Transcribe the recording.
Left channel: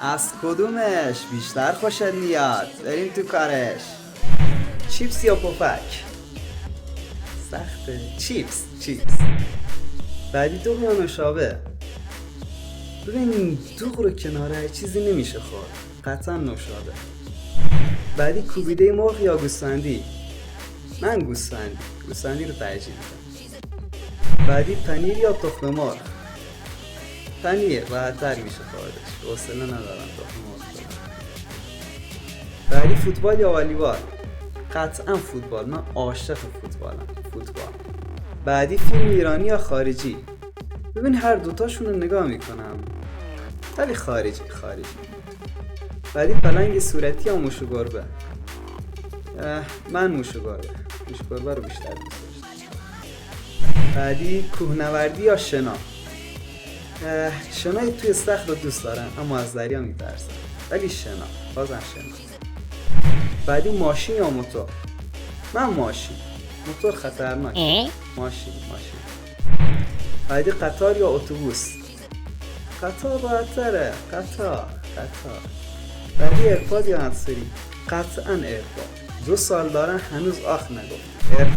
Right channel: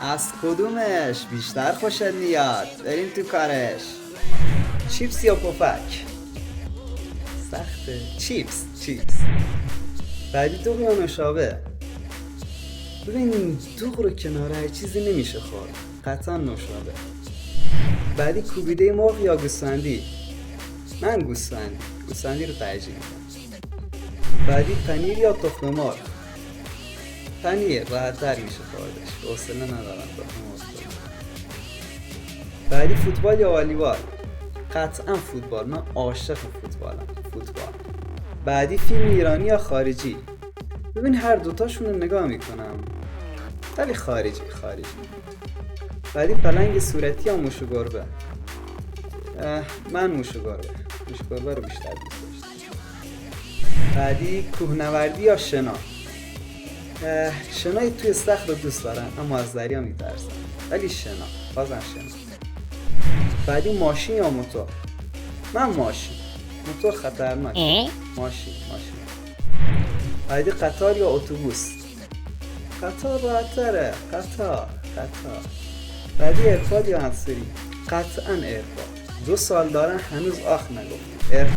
از کدومش بیشتر خوشت میاد؟ بریم تو کارش. چیپس یا پفک؟ سخته. چیپس. بعدی دوغ یا نوشابه؟ ببین دوغ رو کنار هر چیزی نمیشه خورد، قطعا نوشابه. بعدی کوبیده مرغ یا گوسفندی؟ من گوسفندی رو ترجیح میدم. بعدی پنیر یا تخم مرغ؟ پنیر راحت‌تر میشه خوردش، حوصله ندارم تخم مرغ بخورم. بعدی فوتبال یا والیبال؟ قطعا فوتبال، من عاشق فوتبالم. بعدی فیلم ایرانی یا خارجی؟ ببین هر دوتاشون رو نگاه میکنم، ولی خارجی. بعدی پلنگ صورتی یا موش و گربه؟ من موش و گربه رو بیشتر دوست داشتم. بعدی کوهنوردی یا شنا؟ شنای توی صخر رو دوست دارم اما از دریا میترسم، ولی بازم شنا. بعدی ماشین یا موتور؟ من ماشین، موتور خطرناک. ماشین. بعدی قطار یا اتوبوس؟ قطار راحت‌تره. قطار. بعدی ایرپاد یا همسری؟ قطعا ایرپاد. 2 سال دارن هنوز آخ نگفت.